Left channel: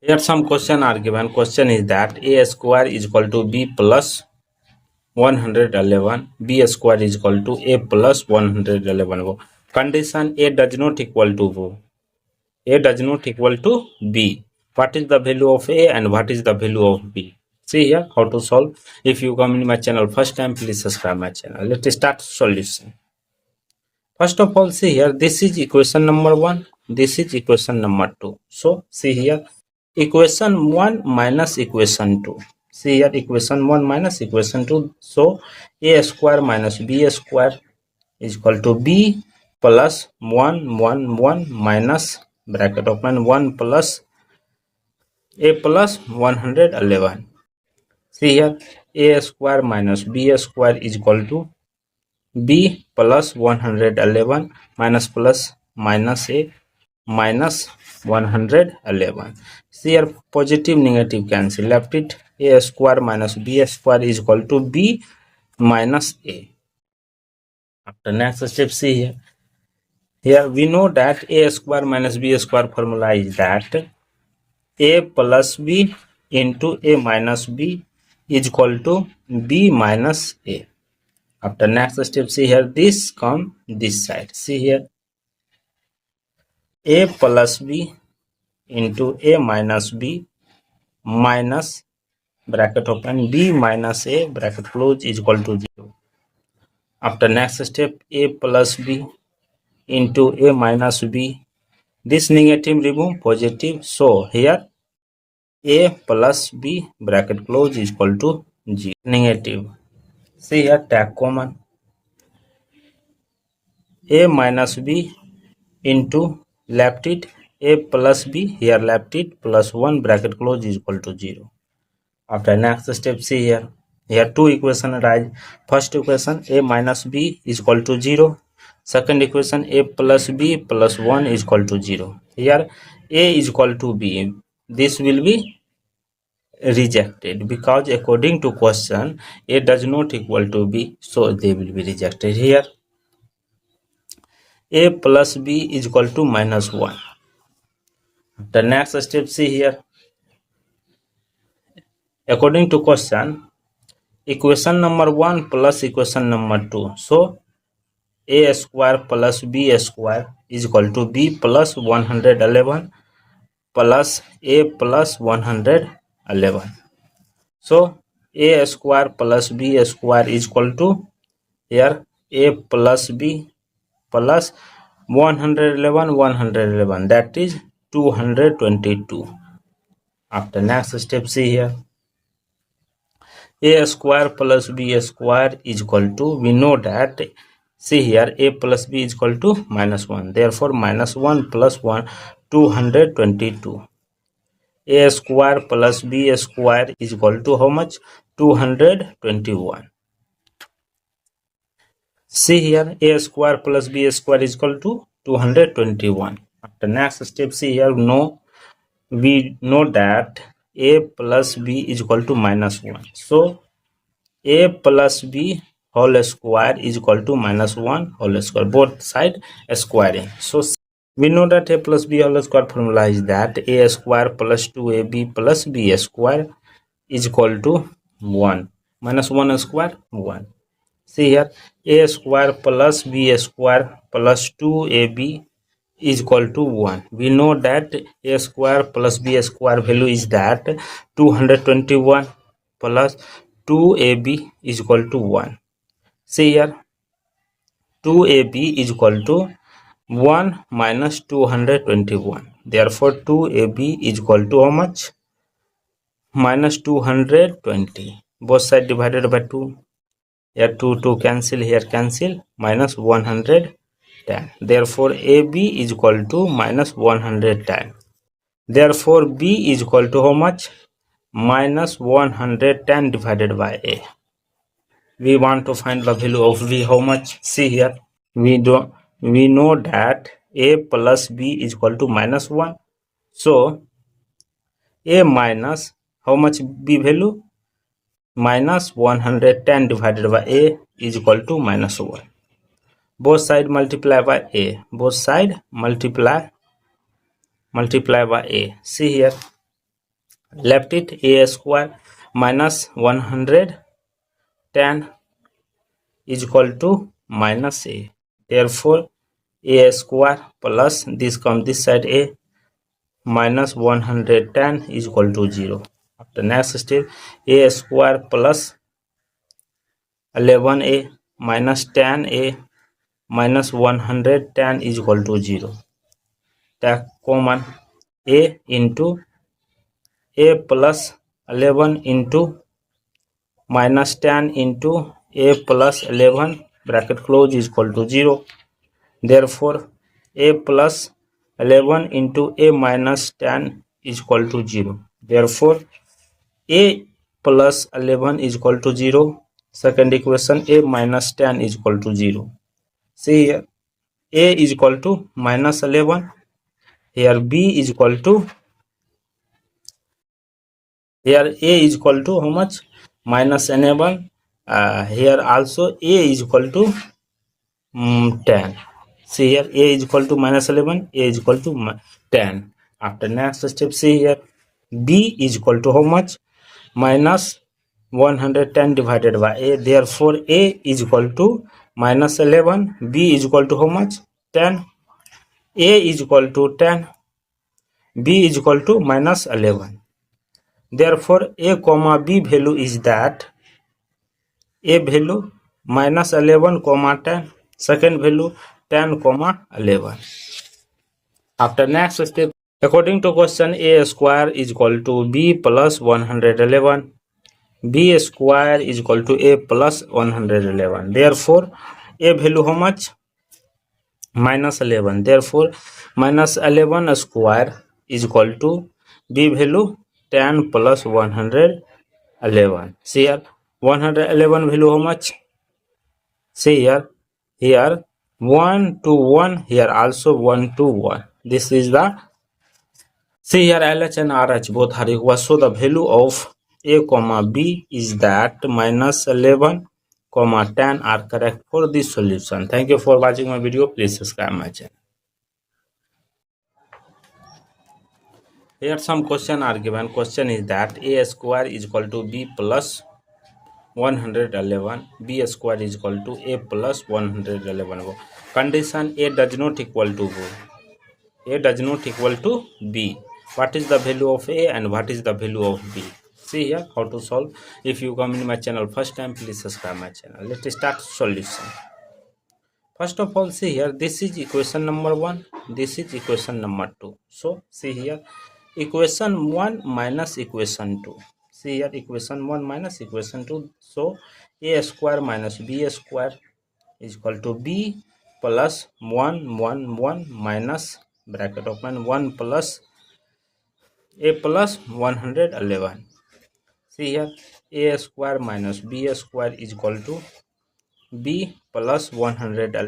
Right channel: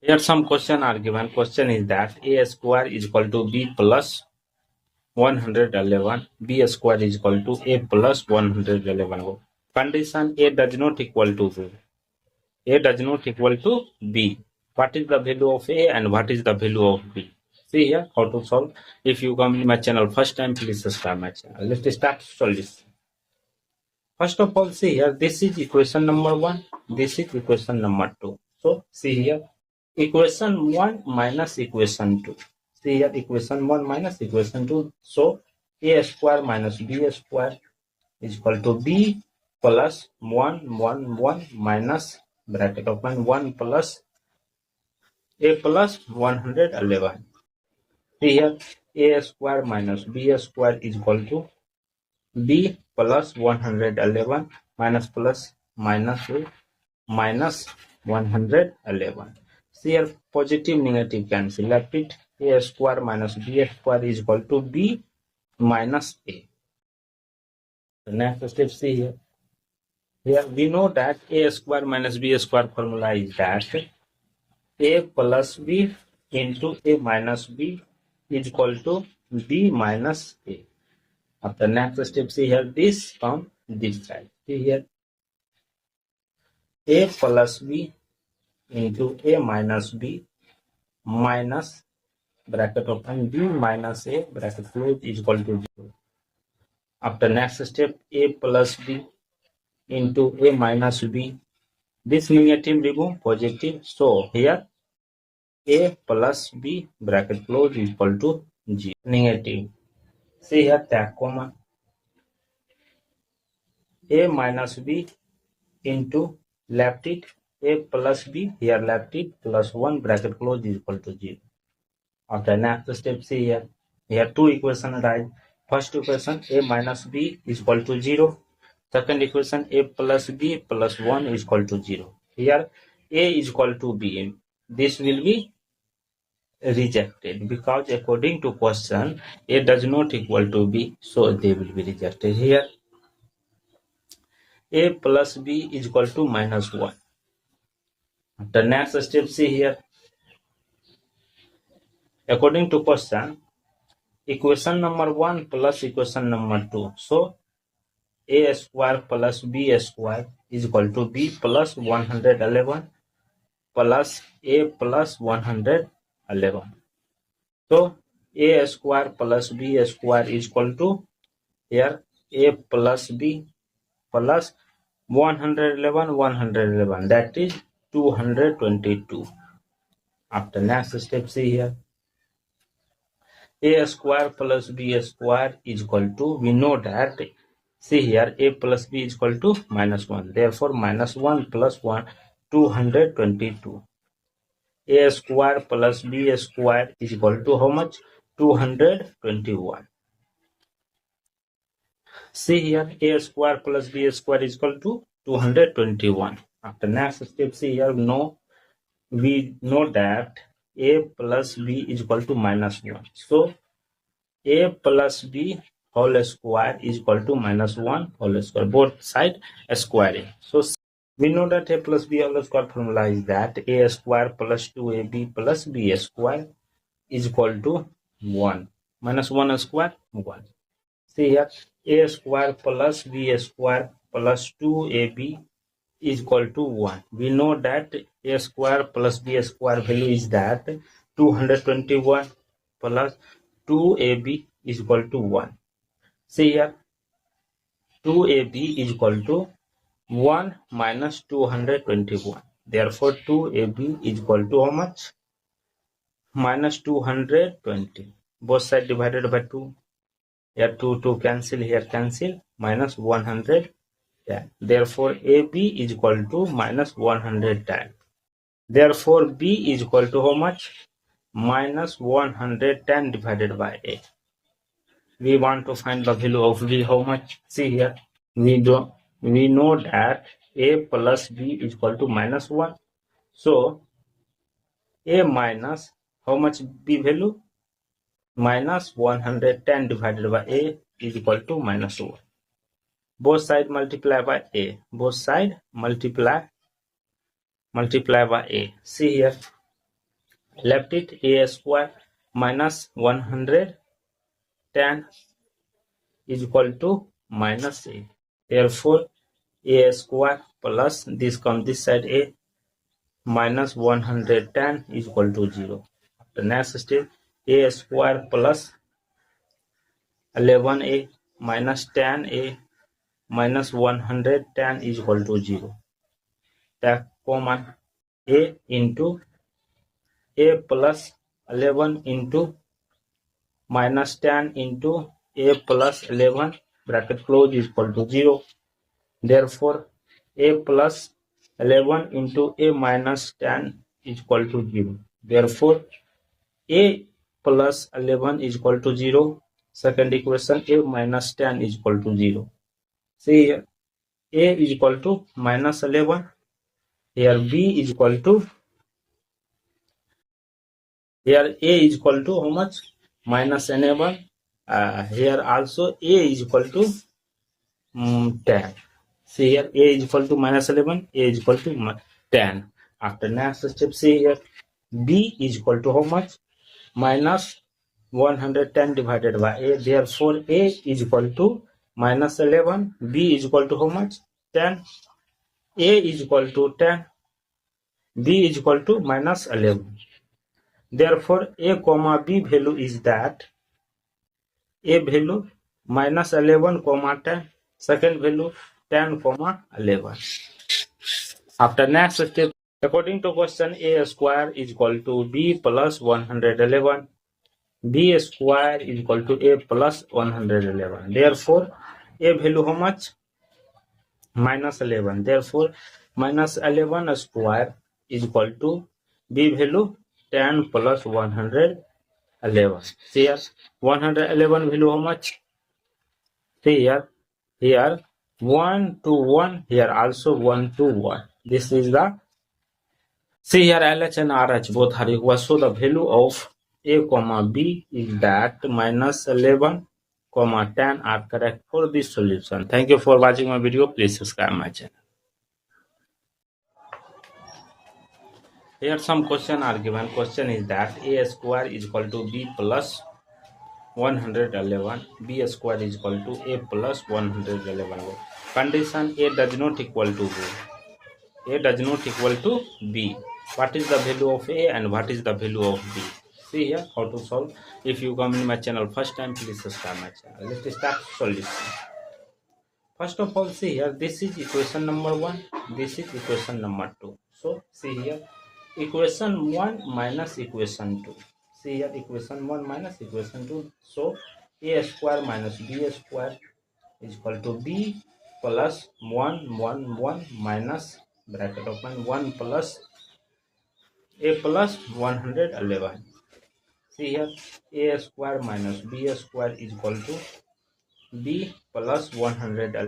Here some question are given. Question is that a square is equal to b plus 111, b square is equal to a plus 111. Condition a does not equal to a does not equal to b. What is the value of a and what is the value of b? See here how to solve. If you come in my channel first time, please subscribe my channel. Let's start solution. First of all, see here, this is equation number 1, this is equation number 2. So see here, equation 1 minus equation 2. See here, equation 1 minus equation 2. So a square minus b square is equal to b plus 1 1 1 minus bracket open 1 plus a plus 111. See here, a square minus b square is equal to b plus 111 minus plus minus a minus 111. See here, positive negative cancel, left it, a square minus b square is equal to b minus a. After next step, see here, here we know that a square minus b square formula is that a plus b into a minus b is equal to b minus a. After next step, see here, this come this side. See here, a plus b into a minus b minus bracket open b minus a bracket close is equal to 0. After next step, a plus b into a minus b, this negative remove positive, so here a plus b bracket close is equal to 0. Negative, see here, take common, a minus b into left it, a plus b, here left it, plus 1 bracket close is equal to 0. After next step, see here, here two equation arise. First equation, a minus b is equal to 0. Second equation, a plus b plus 1 is equal to 0. Here a is equal to b, this will be rejected because according to question a does not equal to b, so they will be rejected. Here a plus b is equal to minus 1. The next step, see here, according to question, equation number 1 plus equation number 2, so a square plus b square is equal to b plus 111 plus a plus 111. So a square plus b square is equal to here a plus b plus 111, that is 222. After next step, see here, a square plus b square is equal to, we know that, see here, a plus b is equal to minus 1, therefore minus 1 plus 1, 222. A square plus b square is equal to how much? 221. See here, a square plus b square is equal to 221. After next step, see here, no, we know that a plus b is equal to minus 1. So a plus b whole square is equal to minus 1 whole square, both side squaring. So we know that a plus b whole square formula is that a square plus 2ab plus b square is equal to 1. Minus 1 square, 1. See here, a square plus b square plus 2ab is equal to 1. We know that a square plus b square value is that 221 plus 2ab is equal to 1. See here, 2ab is equal to 1 minus 221. Therefore, 2ab is equal to how much? Minus 220. Both sides divided by 2. Here 2 cancel, here cancel, minus 110. Therefore, AB is equal to minus 110. Therefore, B is equal to how much? Minus 110 divided by A. We want to find the value of B, how much? See here, we know that A plus B is equal to minus 1. So, A minus how much B value? Minus 110 divided by A is equal to minus 1. Both side multiply by A. Both side multiply by A. See here, left it a square minus 110 is equal to minus a. Therefore a square plus this comes this side a minus 110 is equal to 0. After next step, a square plus 11a minus 10a minus 110 is equal to 0. Take common a into a plus 11 into minus 10 into a plus 11 bracket close is equal to 0. Therefore a plus 11 into a minus 10 is equal to 0. Therefore a plus 11 is equal to 0. Second equation, a minus 10 is equal to 0. See here, a is equal to minus 11. Here b is equal to, here a is equal to how much? Minus 11. Here also a is equal to 10. See here, a is equal to minus 11, a is equal to 10. After next step, see here, b is equal to how much? Minus 110 divided by a. Therefore a is equal to minus 11, b is equal to how much? 10. A is equal to 10, b is equal to minus 11. Therefore a comma b value is that a value minus 11 comma 10, second value 10 comma 11. After next step, according to question, a square is equal to b plus 111. b square is equal to a plus 111. Therefore a value how much? Minus 11. Therefore minus 11 square is equal to b value 10 plus 111. See here, 111 value how much? See here, here 1 to 1, here also 1 to 1. This is the, see here, LH and RH both are equal, so the value of a comma b is that minus 11 comma 10 are correct for this solution. Thank you for watching my video. Please subscribe my channel. Here some question are given. Question is that a square is equal to b plus 111, b square is equal to a plus 111. Condition, a does not equal to b. A does not equal to b. What is the value of a and what is the value of b? See here how to solve. If you come in my channel first time, please subscribe my channel. Let's start solution. First of all, see here, this is equation number 1, this is equation number 2. So see here, equation 1 minus equation 2. See here, equation 1 minus equation 2. So a square minus b square is equal to b plus 1 minus bracket open 1 plus a plus 111. See here, a square minus b square is equal to b plus 111.